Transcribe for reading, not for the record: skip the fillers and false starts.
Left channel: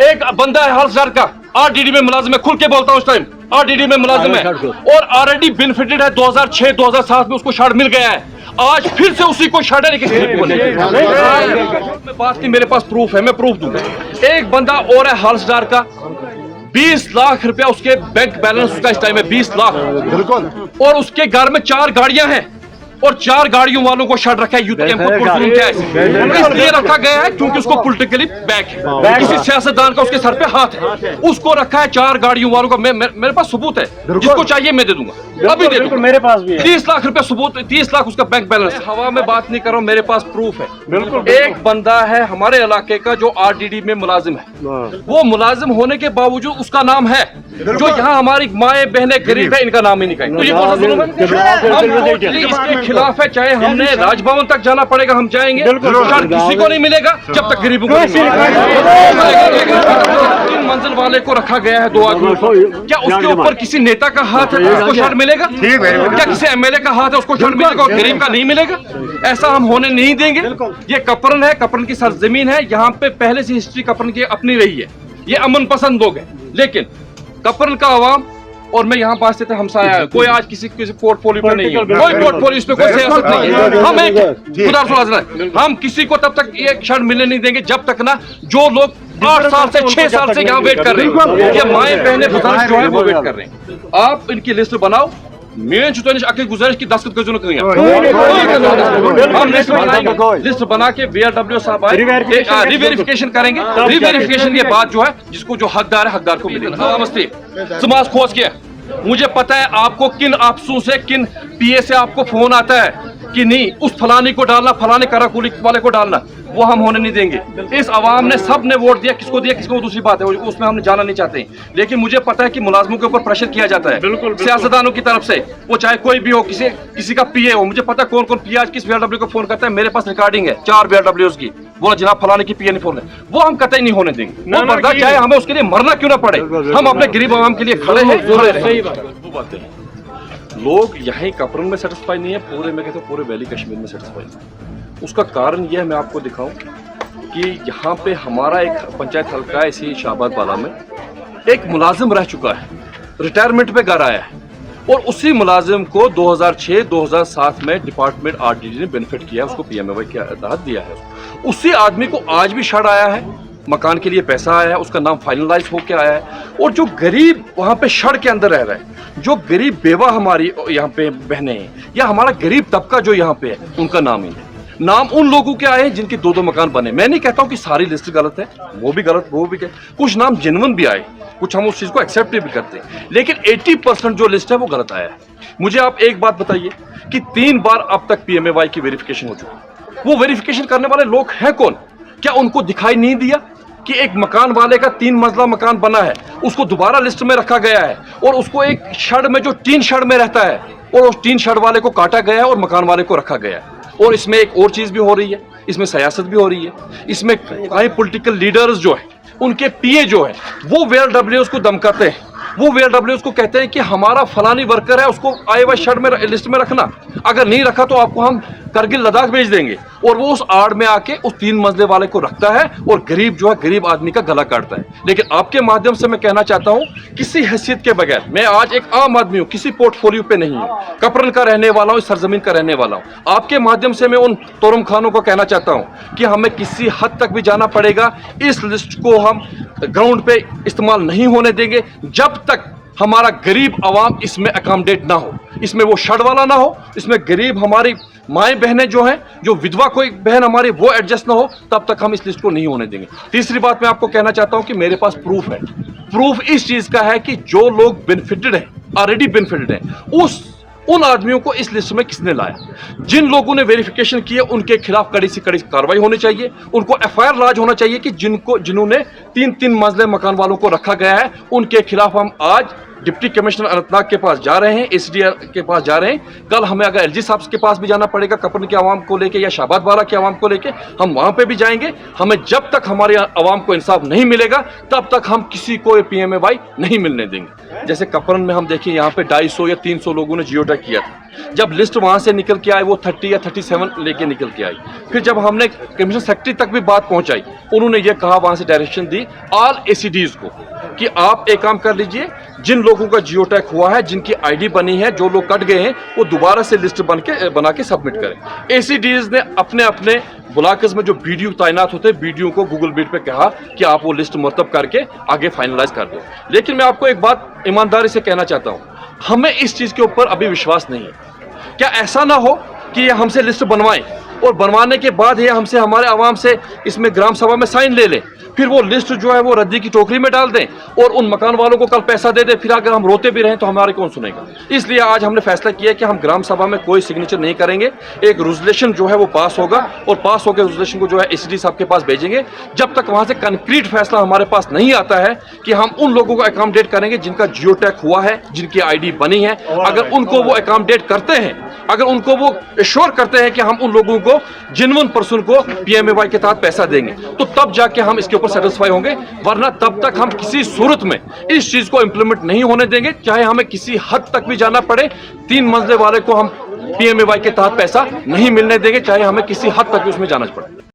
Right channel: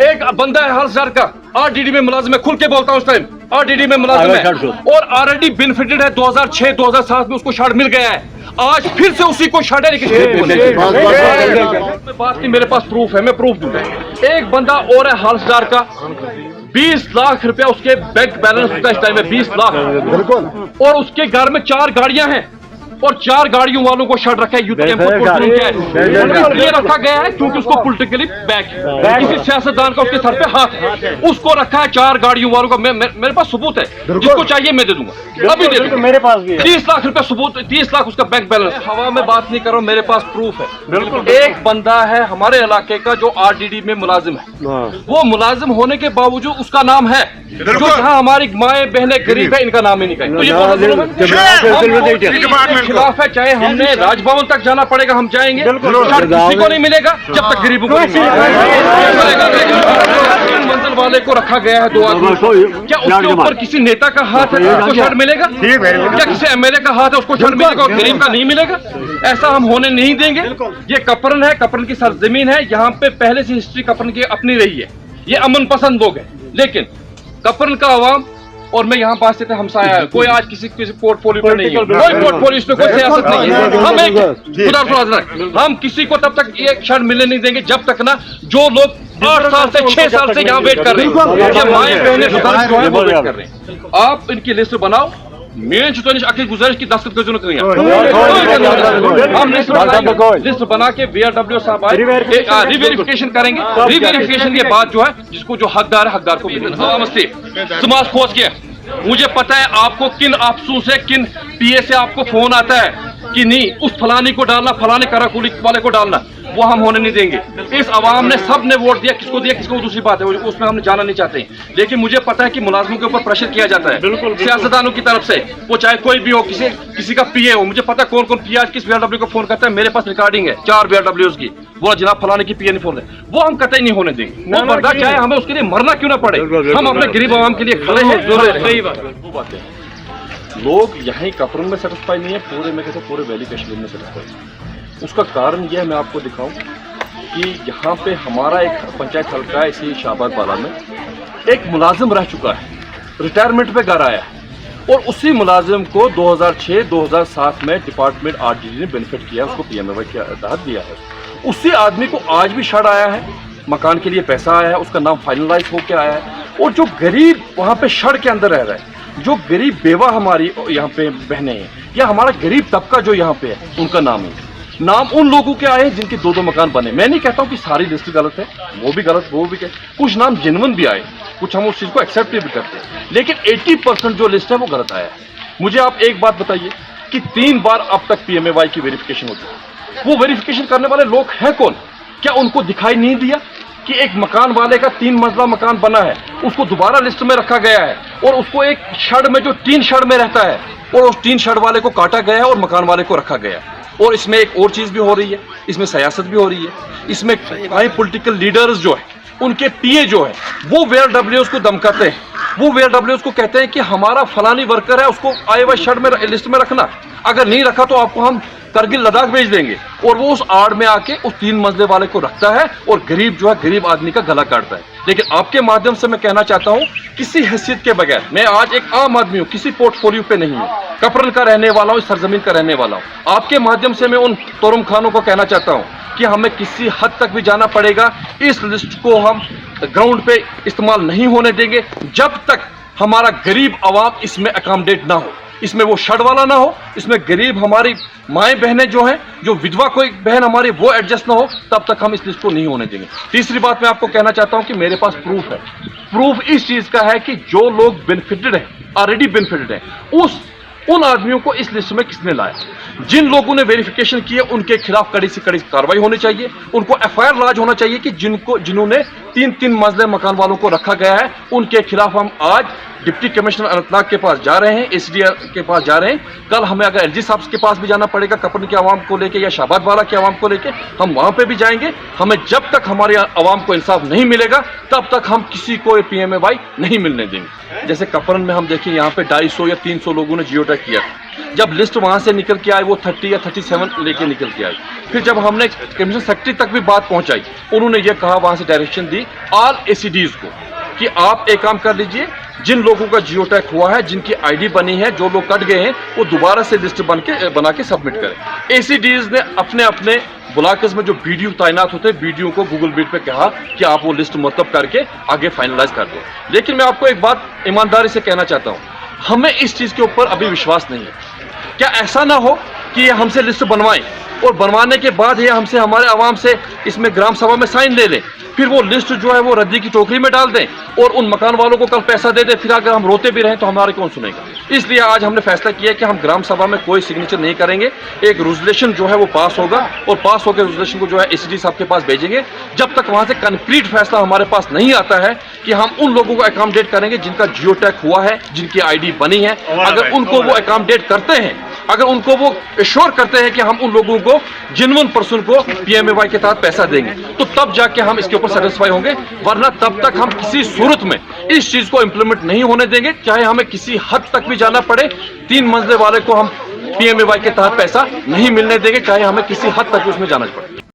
एक बंदा है हालदार का, आरडीडी में मुलाजिम है, खुल के बोलता हूँ उस टाइम आरडीडी में मुलाजिम है और ऑलरेडी बेनिफिटेड है। 2006-2007 में उसको शार्ट मिल गया है, आज फिर से उसी को शार्ट है। बात नहीं, मेरे पास प्रूफ है, मैं प्रूफ दूंगा। एक बंदा और है हालदार का, 20 लाख रुपया उसके बैंक बैलेंस उसका इस टाइम है, 20 लाख बिल्कुल। और उसके घर में 4 गाड़ियां हैं और 4 गाड़ियों वालों को शर्ट रखा है। यूथ इसलिए रखा गया है क्योंकि उसको पॉलिटिकली बैक है, किसी सियासतदान का उसके सर पे हाथ है, उसको रखा है 4 गाड़ियों वालों का। मेरे पास सबूत है, जिसको चाहिए मैं दे दूंगा, अभी दे दूंगा। मेरे पास भी है 30 लाख रुपया सबूत, 30 लाख उसका बैंक बैलेंस। हवा में बात नहीं कर रहा हूँ, मेरे पास प्रूफ है बिल्कुल। एक बंदा है हमारे इलाके का जो आरडीडी में मुलाजिम है, वो मुलाजिम होने के बावजूद उसका नाम है, जो यहाँ हमारी माए बहने गरीब है, इनका नाम ही नहीं कहें। खिलाफ है, चाहे हमने राजभवन तक जाना पड़ेगा, हम जाएंगे, किसी को नहीं मिलेगा जब तक गरीबों को नहीं मिलेगा। मंजिल वाले को रखा गया है 2 आदमी, क्या उसके ऊपर किसी नेता का हाथ है उसको शर्ट मिलेगा? क्या किसी एमएलए का हाथ है उसको शर्ट मिलेगा और गरीब का नहीं मिलेगा? ऐसा हम होने नहीं देंगे। ये कपरन है, कपरन की सरजमीन है, यहाँ पे पहले से हिस्ट्री कपरन की अपनी रही है। ये अमन पसंद लोग हैं, लेकिन कपरन का अवाम और मैं यहाँ पास से हमसाया है, कोई आज किसी पोर्टफोलियो पे नहीं है, कोई पोर्टफोलियो पे कोई सियासत नहीं है। हम एक हम किसी को तब तक ये शर्ट मिलने नहीं देंगे जब तक ना जो लोग 8 साल से 6 साल से यहाँ वेट कर रहे हैं, ये माए बहने बुजुर्ग जो है वो वेट कर रहे हैं। आप इनकी लिस्ट बनाओ, मैं अखिल गुजारिश की 10 हम लिस्ट बना के VRW साहब आए, रिवेरिफिकेशन करेंगे। रिवेरिफिकेशन के बाद जो है जिसको जो हकदार है हकदार को मिलेगा। नमस्ते, समाज खोज के मुझे पता है आपको किन अफसों से, किन पीए से आपको फोन आता है कि नहीं उस फलानी को डालना, फलाने कराकुली वाले को डालना, वो हम होने नहीं देंगे। इस अवाम ने सब ने वोट दिया, किसको दिया किसको दूसरी बात है, उसमें हम जाना नहीं चाहते। लेकिन मुझे पता है कि मुलाजमों के ऊपर प्रेशर किया जाता है सियासतदानों की तरफ से, वो चाहे कोई भी हो, किसी का पीए हो। मुझे पता है कौन कौन पीए आज किस VRW को फोन करता है। मेरे पास रिकॉर्डिंग है 4 VRWs की, वो जनाब फलाने की पीए नहीं फोन है, वो हम कतई नहीं होने देंगे। चाहे हमें उसके लिए मरना क्यों ना पड़े, हम अपने गरीब आवाम के लिए खड़े हैं। सही बात है, लोग यहीं कपरन में सेटिस्फाई नहीं है, पूरे में कहते पूरे वैली कश्मीर में सेटिस्फाई। उसका कारण यह है, मैं आपको दिखाऊं कि यहाँ पे हमारा एक पंचायत हल्का है, इसी शाहबाद वाला में एक मुलाजिम रह चुका है, रिटायरमेंट पे घर आया है और उसी मुलाजिम को 2006-2007 में डिपार्टमेंट आरडीडी ने बेनिफिट किया, उसको PMAY के तहत दिया है। उसी आदमी को आज भी शर्ट आया है, मकान के लिए पैसा आया है, उसका नाम फाइनलाइज होकर आया है। और जो गरीब वहाँ पे शर्ट के अंदर रह रहा है, जो गरीब बेवा हमारी यहाँ पे बहनें हैं या हमारा गरीब तबका जो यहाँ पे है, उनका नाम है, नाम उन लोगों के आए हैं जिनके 2-2 मकान बने। मैं नहीं कहता हूँ कि सारी लिस्ट गलत है, वो भी गलत, वो भी क्या, कुछ नाम जेन्युइन भी आए, कुछ हम उस चीज़ को एक्सेप्ट भी करते हैं, लेकिन 80% जो लिस्ट है वो गलत आया है। मुझे आप एक बात बताइए कि 3 बार अब तक PMAY की वेरिफिकेशन हो चुकी है, वो वेरिफिकेशन करने वाले लोग हैं कौन? क्या उनको दिखाई नहीं दिया कि एक मकान वाले का 3 मंजिला मकान बना है, उसको दोबारा लिस्ट में रखा गया है और उसको एक शेड में जो 3 शेड में रहता है और उस 3 शेड वाले को काटा गया है और मकान वाले को रखा गया है। और इसमें एक और चीज़ भी हो रही है, इसमें सियासत भी हो रही है, इसमें कई पॉलिटिकल लीडर्स जो है उनके पीए जो है वो VRWs को धमकाते हैं, वो VRWs को कहते हैं कि हमारा फलानी वर्कर है, उसको आए हुए शर्ट में लिस्ट में रखना, अगर नहीं रखा तो आपको हम करगिल लद्दाख भेज देंगे। और वो उस आड़ में आके उस 3 मंजिले वाले को रखता है और गरीब जो है गरीब आदमी का गला काटता है। लेकिन आपके माध्यम से मैं कहना चाहता हूँ, किसी हैसियत के बगैर, मैं आज एक आम आदमी हूँ, किसी पोर्टफोलियो पे नहीं हूँ, कपरन का रहने वाला हूँ, इस सरजमीन का रहने वाला हूँ। आपके माध्यम से मैं उन तोरम खानों को कहना चाहता हूँ कि हमें किसी हद तक भी जाना पड़ेगा, इस लिस्ट को हम ग्राउंड पे इस्तेमाल नहीं होने देंगे जब तक हमारा गरीब आवाम इसमें अकोमोडेट ना हो, इसमें वो शर्ट वाला ना हो, इसमें गरीब हमारी माएँ बहनें जो हैं, जो विधवा कोई बहन हमारी, वो एडजस्ट ना हो, तब तक हम इस लिस्ट को नहीं होने देंगे। तीसरी बात मैं आपको कहना चाहता हूं कि मेरे पास प्रूफ है। प्रूफ इस चीज़ का है कि जो लोग बेनिफिटेड हैं, ऑलरेडी बेनिफिटेड हैं, उन आदमियों को इस लिस्ट में किसने लाया? जिन लोगों ने वेरिफिकेशन किया उनके खिलाफ कड़ी से कड़ी कार्रवाई होनी चाहिए, उनको FIR लॉन्च होना चाहिए कि जिन्होंने 3-3 मंजिले मकान वालों को रखा गया है, उनके खिलाफ हम आज डिप्टी कमिश्नर अनंतनाग के पास जा रहे हैं, SDR के पास जा रहे हैं। कल हमें अगर LG साहब के पास भी जाना पड़ेगा, कपरन के आवाम को लेके या शाहबाद वाला के आवाम को लेके, हम वहाँ पे भी जाएंगे। हमें जब तक हमारे आवाम को इंसाफ नहीं मिलेगा तब तक हम किसी को PMAY नहीं मिलने देंगे। जैसे कपरन में हम देखें यहाँ पे 250 या 300 लोगों ने जियो टैग किया। जब लिस्ट वहाँ से निकल के आई वो 30 या 37 लेके निकल के आई। फिर जब हमने कमिश्नर सेक्रेटरी तक भी बात पहुँचाई, उन्होंने ये कहा, वहाँ से डायरेक्शन दी ऑल ACDs को कि आप एक काम कर लीजिए, जिन लोगों का जियो टैग हुआ है, जिनकी ID बनी है, जो लोग कट गए हैं, वो दोबारा से लिस्ट बना के सबमिट करें। ACDs ने अपने अपने ब्लॉक्स में जो BDO तैनात होते हैं, BDO को गूगल मीट पे कहा कि आप वो लिस्ट मतलब करके आगे फाइनलाइज कर दें। लेकिन मैं आपको एक बात ईमानदारी से कहना चाहता हूँ, हमें इस चीज़ के ऊपर अभी विश्वास नहीं है। क्या ऐसा ना हो कि ये हमसे लिस्ट बनवाएं और बनवाने के बाद ये हमसे, हमारे आवाम से इसमें ग्राम सभा में साइन ले लें, फिर वो लिस्ट जो है वो रद्दी की टोकरी में डाल दें और उन मकान वालों को कल पैसा दे दें, फिर अगर हम रोते भी रहें तो हमारे कौन सुनेगा। इसलिए आज हमने फैसला किया कि हम ग्राम सभा में कोई सिग्नेचर नहीं करेंगे। एक रेजोल्यूशन जो है वो पास होगा और पास होकर रेजोल्यूशन को जो है ACD साहब के पास भेजेंगे। जब तक वहाँ से कंक्रीट फैसला हमारे पास नहीं आता है कि हम उन लोगों को अकोमोडेट करेंगे जिनका जियो टैग हुआ है, जिनकी ID बनी है, अगर उनको वो अकोमोडेट करते हैं, अगर उनको वो एश्योर करते हैं कि हम उन लोगों को जेन्युइन पर्सन को PMAY के तहत पैसा देंगे, तो तब जाके हम इसके ऊपर सेटिस्फाई होंगे। वरना तब तक हम किसी सूरत में इस चीज को इंप्लीमेंट नहीं होने देंगे, चाहे हमें किसी हद तक भी जाना पड़े। 3 मंजिले वाले को हम PMAY के तहत पैसा नहीं मिलने देंगे, चाहे हमें किसी हद तक भी उसमें जाना पड़े।